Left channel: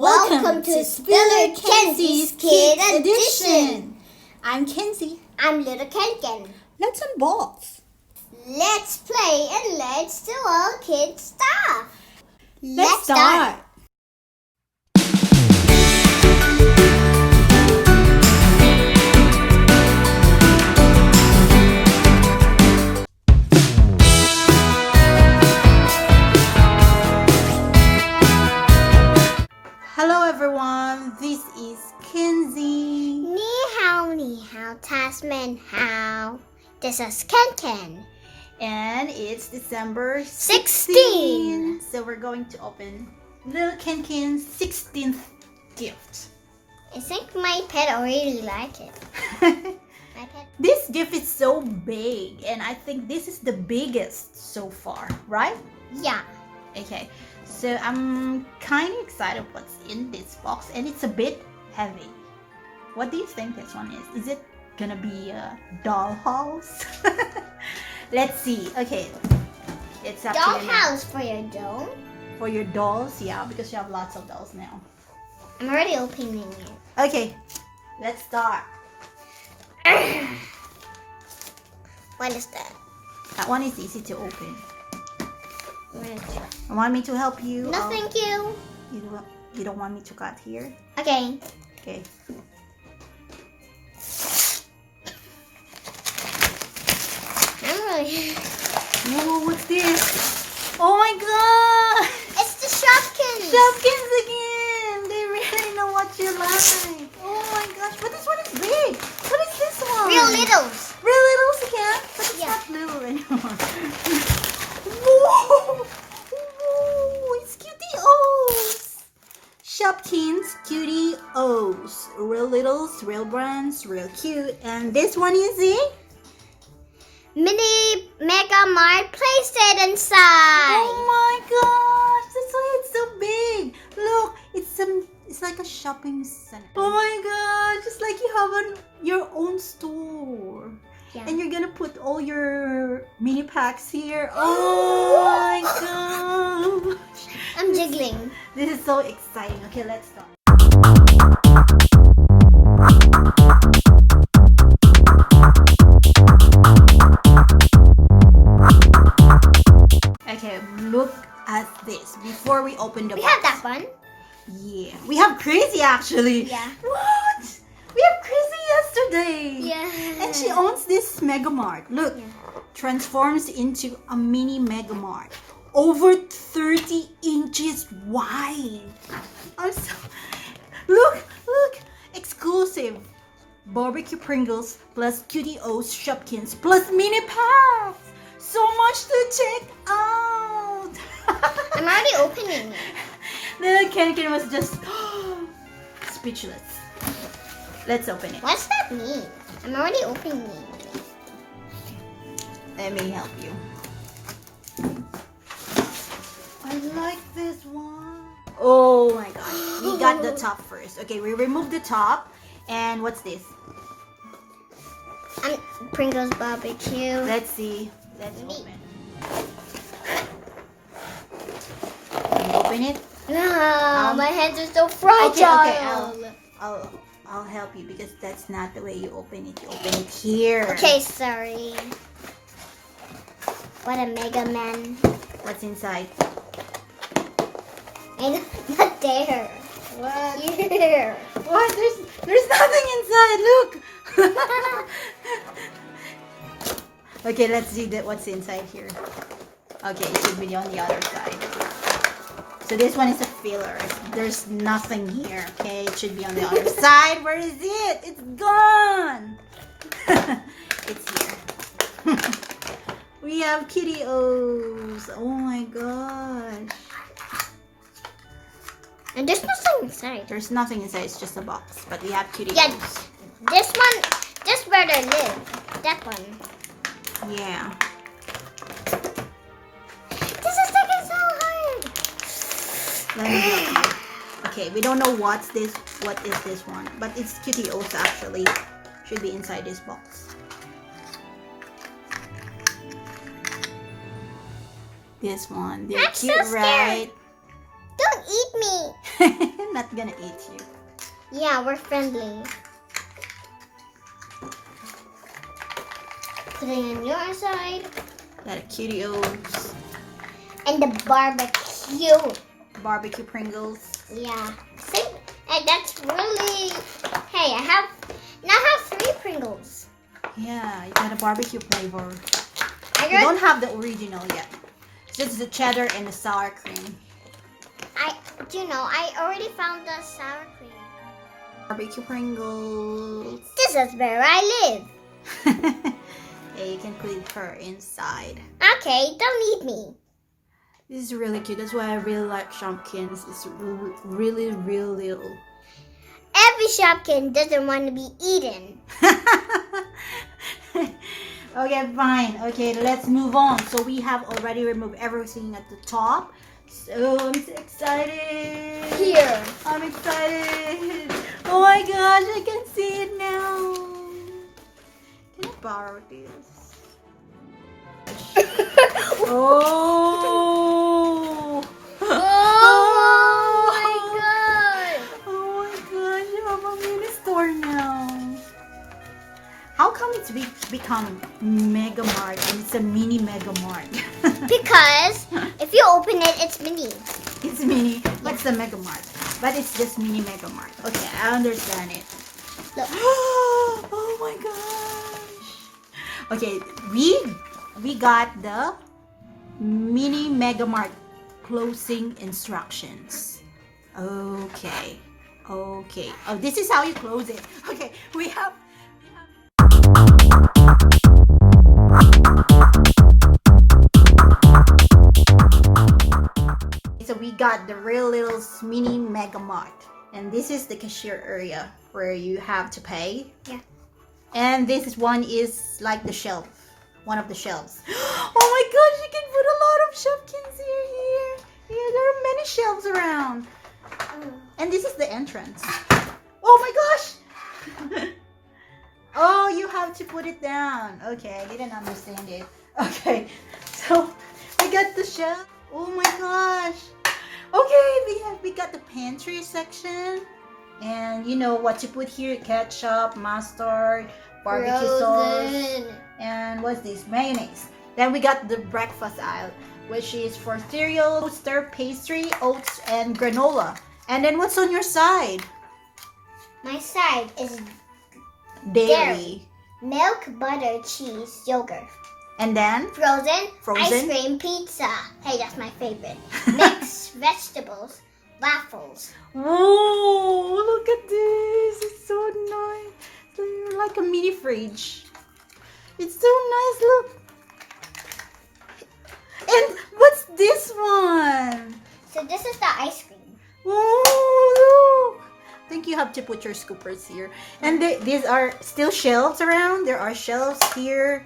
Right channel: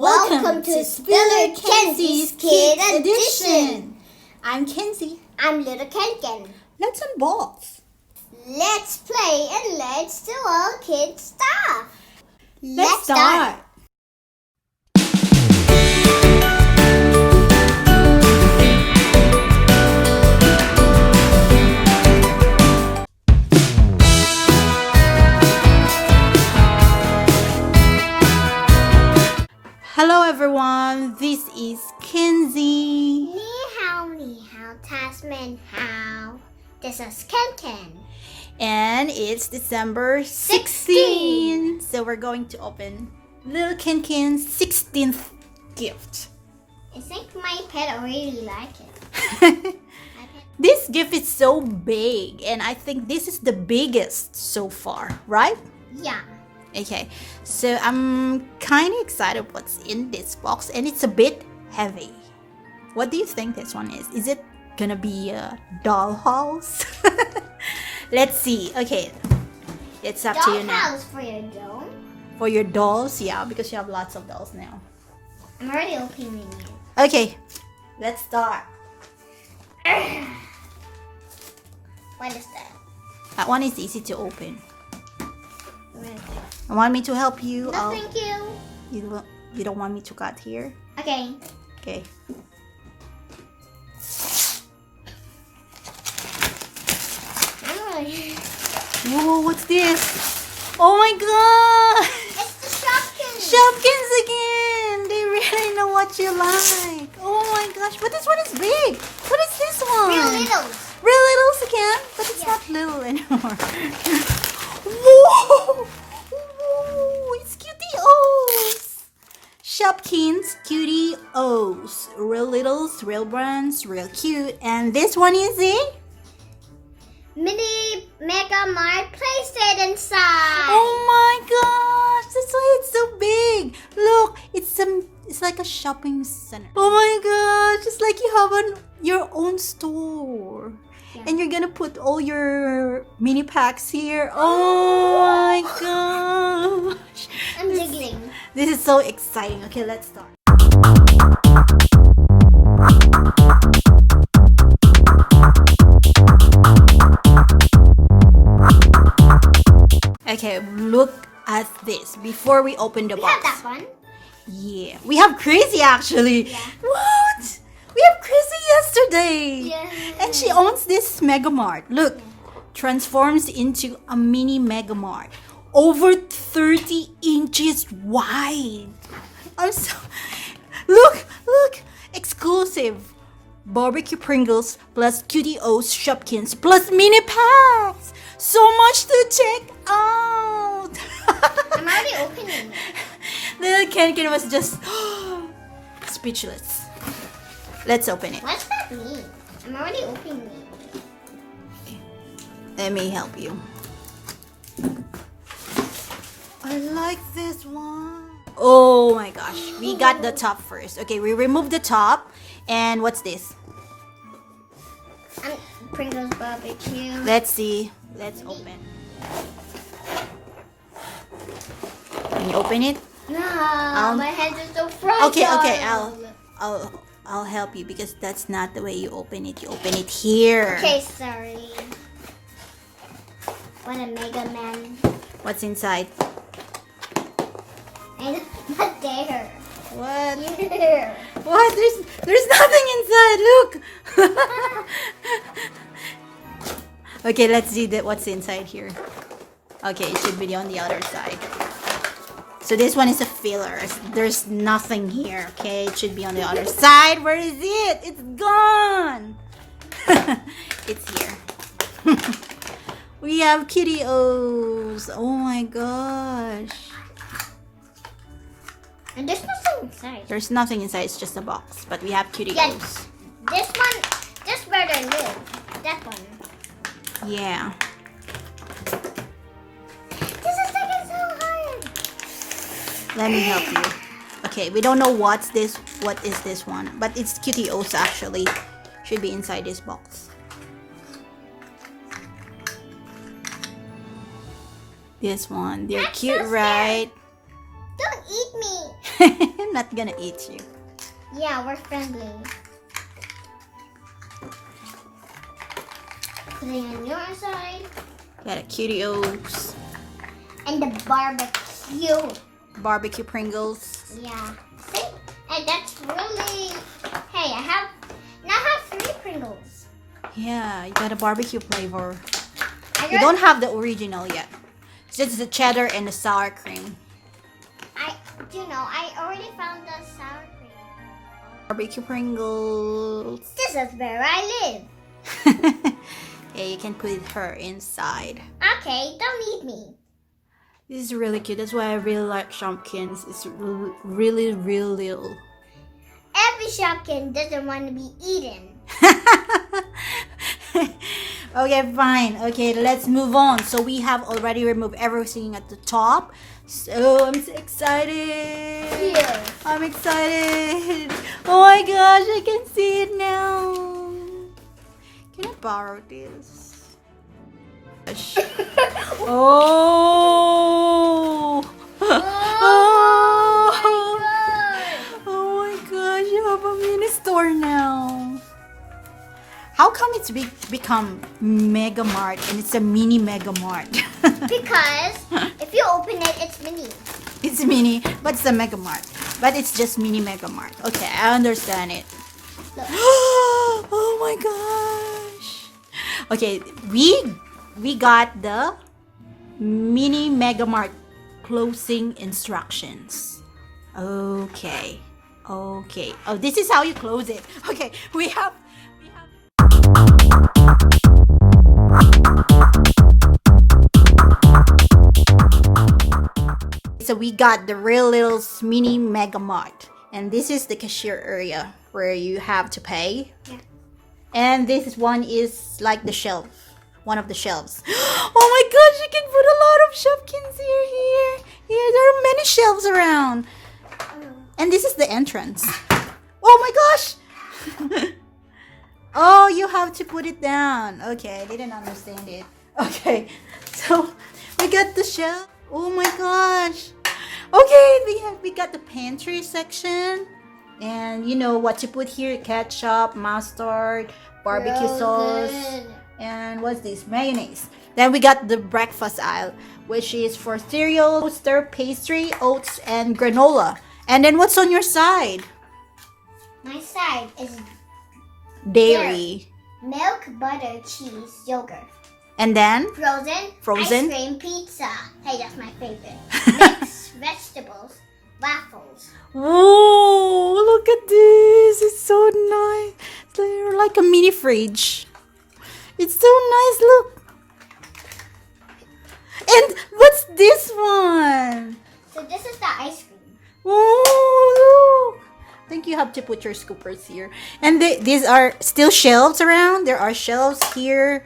Welcome to Spiller Kenzie's Kid Edition. I'm Kenzie. I'm little Kenken. Let's unbox. Let's play and let's do all kid stuff. Let's start. Hello everyone, this is Kenzie. Ni hao, Tasman how. This is Kenken. And it's December 16th. So we're going to open little Kenken's 16th gift. I think my pet already like it. This gift is so big and I think this is the biggest so far, right? Yeah. Okay, so I'm kind of excited what's in this box and it's a bit heavy. What do you think this one is? Is it gonna be a dollhouse? Let's see. Okay, it's up to you now. Dollhouse for your doll? For your dolls, yeah, because you have lots of dolls now. I'm already opening it. Okay, let's start. What is that? That one is easy to open. What is it? You want me to help you? No, thank you. You don't want me to cut here? Okay. Okay. Whoa, what's this? Oh my god! It's the Shopkins. Shopkins again! They really know what you like. Oh my gosh, but this one is big. What is this one? Real littles. Real littles again? But it's Yeah. not little anymore. Whoa! Whoa! It's Cutie O's! Shopkins Cutie O's. Real littles, real brands, real cute. And this one is it? Mini Mega Mart Playset inside. Oh my gosh, that's why it's so big. Look, it's like a shopping center. Oh my gosh, it's like you have your own store. Yeah. And you're gonna put all your mini packs here. Oh my gosh. I'm jiggling. This is so exciting. Okay, let's start. Okay, look at this before we open the We box. have that one. Yeah, we have Crazy actually. Yeah. What? We have Crazy yesterday. Yeah. And she owns this Mega Mart. Look, transforms into a mini Mega Mart. Over 30 inches wide. I'm so... Look! Exclusive. Barbecue Pringles plus Cutie O's Shopkins plus mini packs. So much to check out. I'm already opening it. Little Kenken was just speechless. Let's open it. What's that mean? I'm already opening it. Let me help you. I like this one. Oh my gosh. We got the top first. Okay, we remove the top. And what's this? Pringles barbecue. Let's see. Let's open. Can you open it? No, my hands are so fragile. Okay. I'll help you because that's not the way you open it. You open it here. Okay, sorry. What a Mega Man. What's inside? Not there. What? Here. What? There's nothing inside. Look. Okay, let's see what's inside here. Okay, it should be on the other side. So this one is a filler. There's nothing here. Okay, it should be on the other side. Where is it? It's gone. It's here. We have Cutie O's. Oh my gosh. And there's nothing inside. There's nothing inside. It's just a box. But we have Cutie Yeah, O's. this one, this where they live. That one. Yeah. This is taking so hard. Let me help you. Okay, we don't know what is this one, but it's Cutie O's actually. Should be inside this box. This one. They're I'm so cute, scared. right? Don't eat me. I'm not gonna eat you. Yeah, we're friendly. Putting on your side. Got a Cutios. And the barbecue. Barbecue Pringles. Yeah. See? And that's really... Hey, I have 3 Pringles. Yeah, you got a barbecue flavor. I You don't have the original yet. It's just the cheddar and the sour cream. I already found the sour cream. Barbecue Pringles. This is where I live. Yeah, you can put her inside. Okay, don't eat me. This is really cute. That's why I really like Shopkins. It's really, really little. Every Shopkin doesn't want to be eaten. Okay, fine. Okay, let's move on. So we have already removed everything at the top. So I'm so excited. Here. I'm excited. Oh my gosh, I can see it now. Can I borrow this? Oh. Oh my god. Oh my gosh, you have a mini store now. How come it's become Mega Mart and it's a mini Mega Mart? Because if you open it, it's mini. It's mini, but it's a Mega Mart. But it's just mini Mega Mart. Okay, I understand it. Look. Oh my gosh. Okay, we got the mini Mega Mart closing instructions. Okay. Oh, this is how you close it. Okay, we have So we got the real little mini Mega Mart, and this is the cashier area where you have to pay. Yeah. And this one is like the shelf, one of the shelves. Oh my gosh, you can put a lot of Shopkins here. Yeah, there are many shelves around. And this is the entrance. Oh my gosh. Oh, you have to put it down. Okay, I didn't understand it. Okay, so we got the shelf. Oh my gosh. Okay, we got the pantry section. And you know what to put here: ketchup, mustard, barbecue sauce, Frozen. and what's this? Mayonnaise. Then we got the breakfast aisle, which is for cereal, toaster, pastry, oats, and granola. And then what's on your side? My side is Dairy. milk, butter, cheese, yogurt. And then Frozen. Frozen. Ice cream, pizza. Hey, that's my favorite. Mixed vegetables, waffles. whoa, look at this. It's so nice. They're like a mini fridge. It's so nice, look. And what's this one? So this is the ice cream. Oh, look. I think you have to put your scoopers here. And these are still shelves around. There are shelves here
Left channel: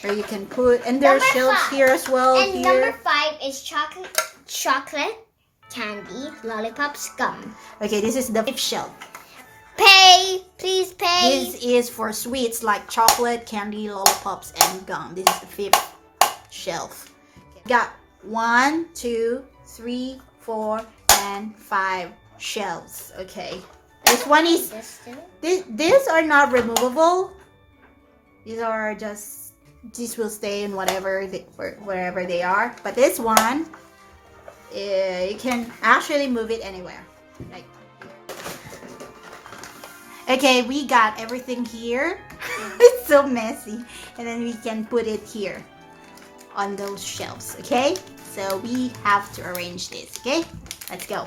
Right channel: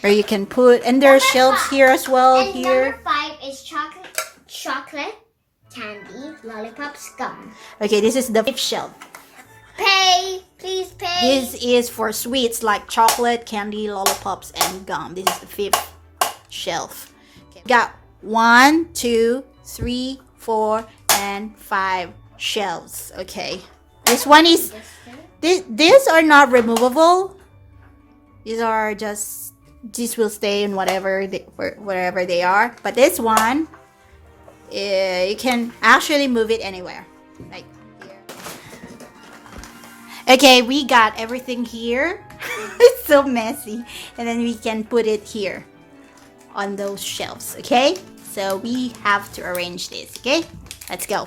where you can put, and there are Number shelves 5. here as well. And Here. number 5 is chocolate, candy, lollipops, gum. Okay, this is the 5th shelf. Pay, please pay. This is for sweets like chocolate, candy, lollipops, and gum. This is the 5th shelf. Okay. Got 1, 2, 3, 4, and 5 shelves. Okay. This one is these are not removable. These are just these will stay in whatever wherever they are. But this one, you can actually move it anywhere. Like here. Okay, we got everything here. It's so messy. And then we can put it here on those shelves, okay? So we have to arrange this, okay? Let's go.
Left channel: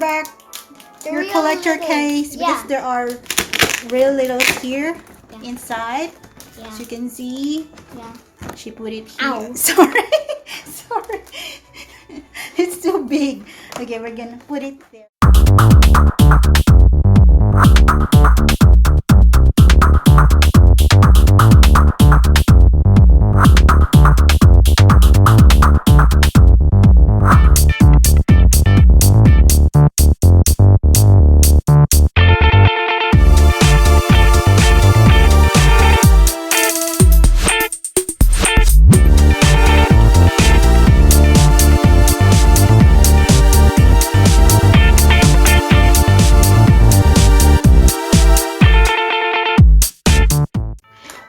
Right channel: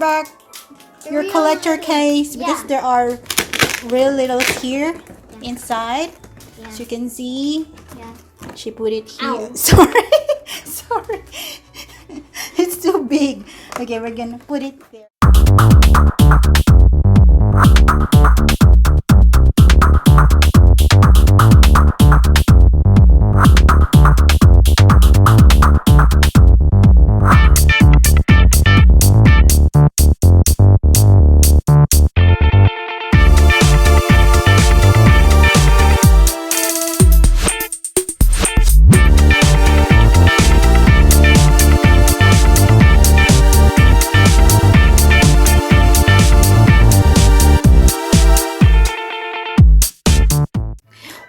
back your real collector little- case yeah. because there are real littles here inside. Yeah. As you can see, Yeah. she put it here. Ow. Sorry, sorry. It's too big. Okay, we're gonna put it there.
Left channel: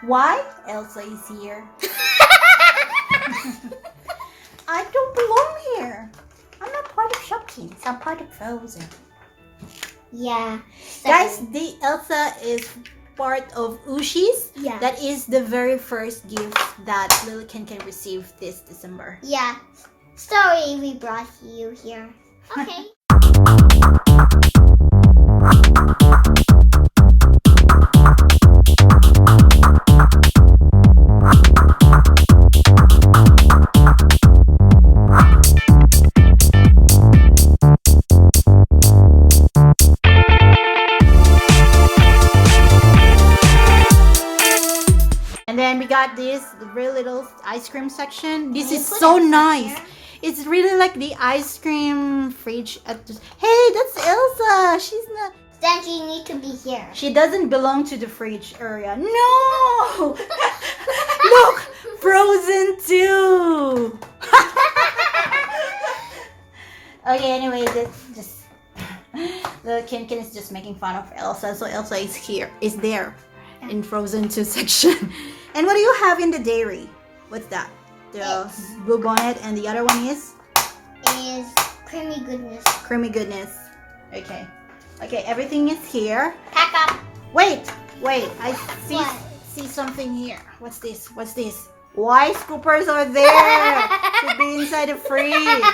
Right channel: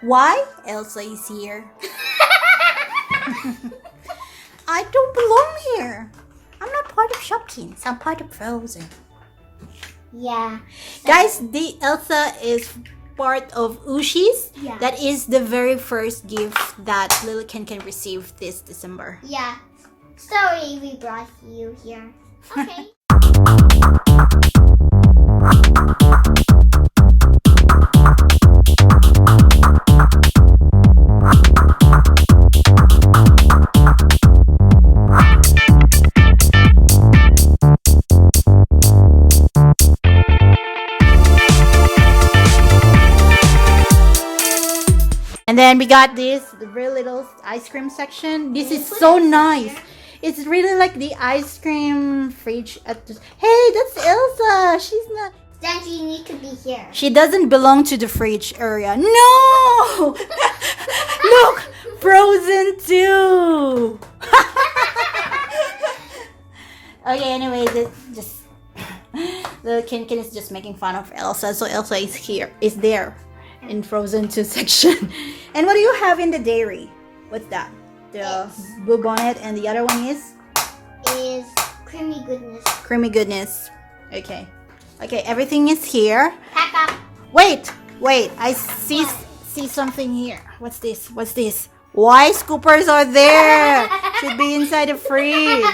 Why Elsa is here? I don't belong here. I'm not part of Shopkins. I'm part of Frozen. Yeah. Guys, the Elsa is part of Ushi's. Yeah. That is the very first gift that Little Ken can receive this December. Yeah. Sorry we brought you here. Okay. And then we got this, the very little ice cream section. This Can is you put so it nice. here? It's really like the ice cream fridge at the... Hey, that's Elsa. She's not... Then you need to be here. She doesn't belong to the fridge area. No! Look! Frozen 2! Okay, anyway, just... The Ken is just making fun of Elsa. So Elsa is here. Is there. In Frozen 2 section. And what do you have in the dairy? What's that? The It's- blue bonnet, and the other one is Is creamy goodness. creamy goodness. Okay. Okay, everything is here. Pack up. Wait. I see What? see something here. What's this? Why scoopers are there? Should be inside the fridge.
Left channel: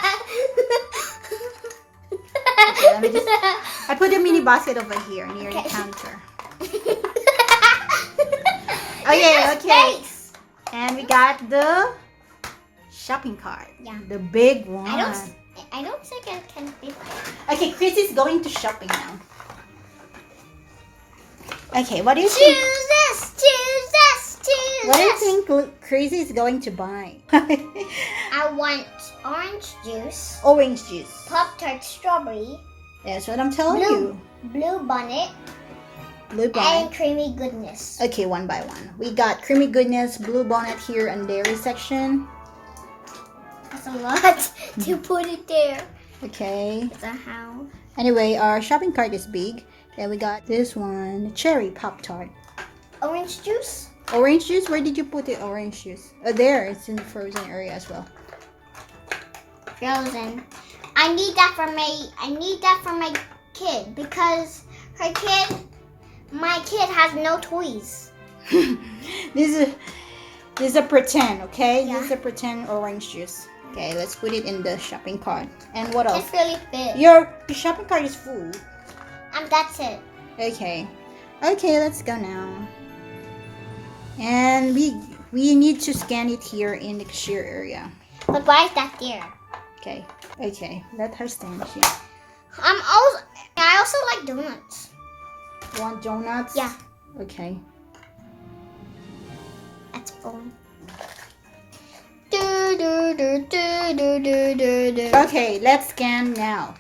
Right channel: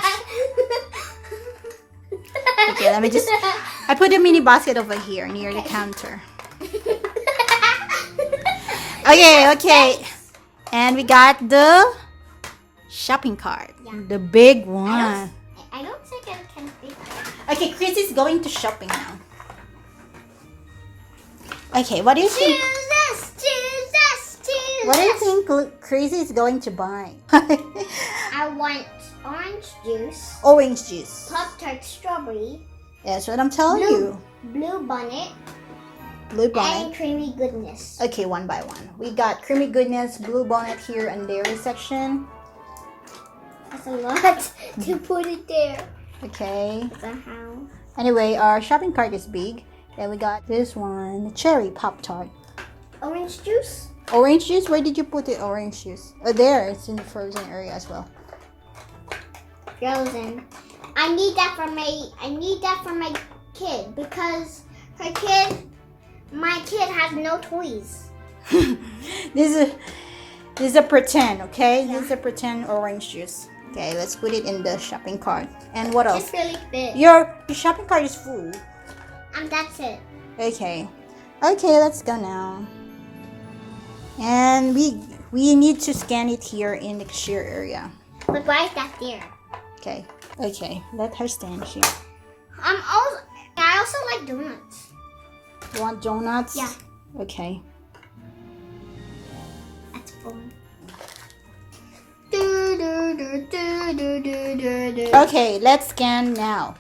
Okay, let me just... I put a mini basket over here near the Okay. counter. Okay. And we got the shopping cart. Yeah. The big I one. don't think I can be Okay, Chris is going to shopping now. Okay, what do you think? Choose this. What do you think Chris is going to buy? I want orange juice, Orange juice. Pop-Tart strawberry, That's what I'm telling you. blue bonnet, Blue bonnet. and creamy goodness. Okay, one by one. We got creamy goodness, blue bonnet here in dairy section. That's a lot to put it there. Okay. So how? Anyway, our shopping cart is big. Then we got this one, cherry Pop-Tart. Orange juice? Orange juice? Where did you put the orange juice? Oh, there. It's in the frozen area as well. Frozen. I need that for my kid because my kid has no toys. This is a pretend, okay? Yeah. This is a pretend orange juice. Okay, let's put it in the shopping cart. And what else? It's really big. Your shopping cart is full. That's it. Okay. Okay, let's go now. And we need to scan it here in the cashier area. But why is that there? Okay. Okay. Let her stand here. I also like donuts. You want donuts? Yeah. Okay. That's fun. Okay, let's scan now.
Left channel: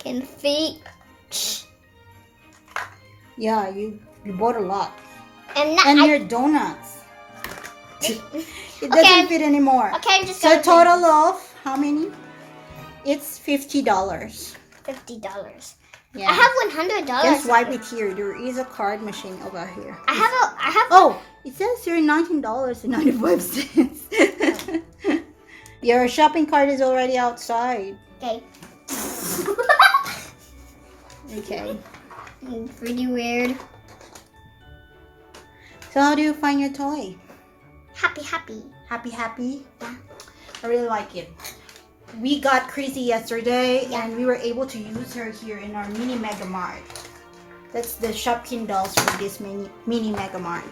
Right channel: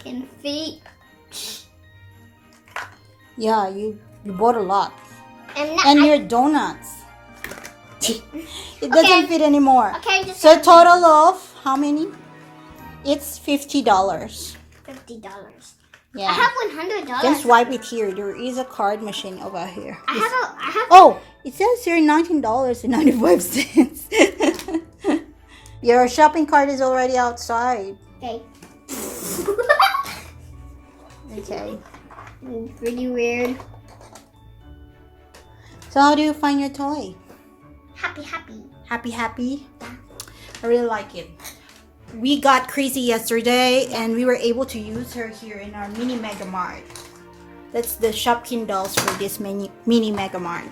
Can fit. Yeah, you bought a lot. And Your donuts. It doesn't Okay. fit anymore. okay, just So total of how many? It's $50. $50. Yeah. I have $100. Just swipe it here. There is a card machine over here. I have. Oh, it says here $19.95. Your shopping cart is already outside. Okay. Okay. Pretty weird. So how do you find your toy? Happy. Happy? I really like it. We got crazy yesterday and we were able to use her here in our mini Mega Mart. That's the Shopkins dolls for this mini Mega Mart.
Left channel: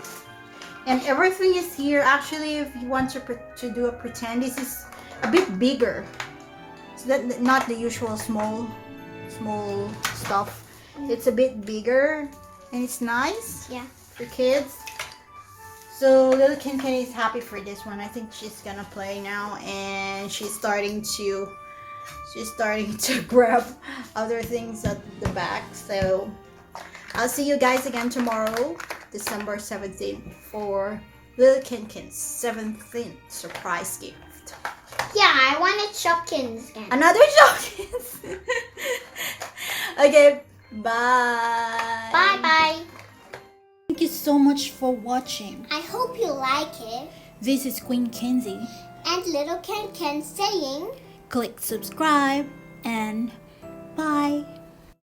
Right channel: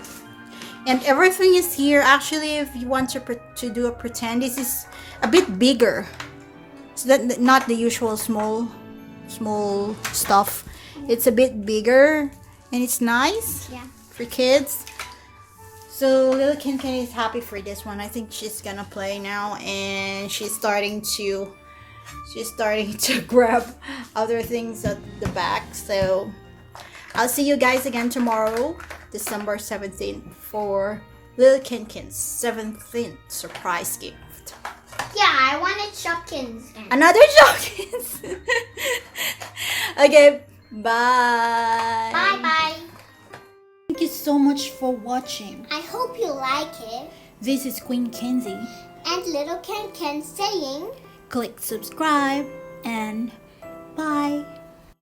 And everything is here. Actually, if you want to do a pretend, this is a bit bigger. So that not the usual small stuff. It's a bit bigger and it's nice. Yeah. For kids. So little Kin is happy for this one. I think she's gonna play now, and she's starting to grab other things at the back. So I'll see you guys again tomorrow, December 17th, for little Kin's 17th surprise gift. Yeah, I wanted Shopkins. Another Shopkins. Okay, bye. Bye. Thank you so much for watching. I hope you like it. This is Queen Kenzie. And little Ken saying, Click subscribe and bye.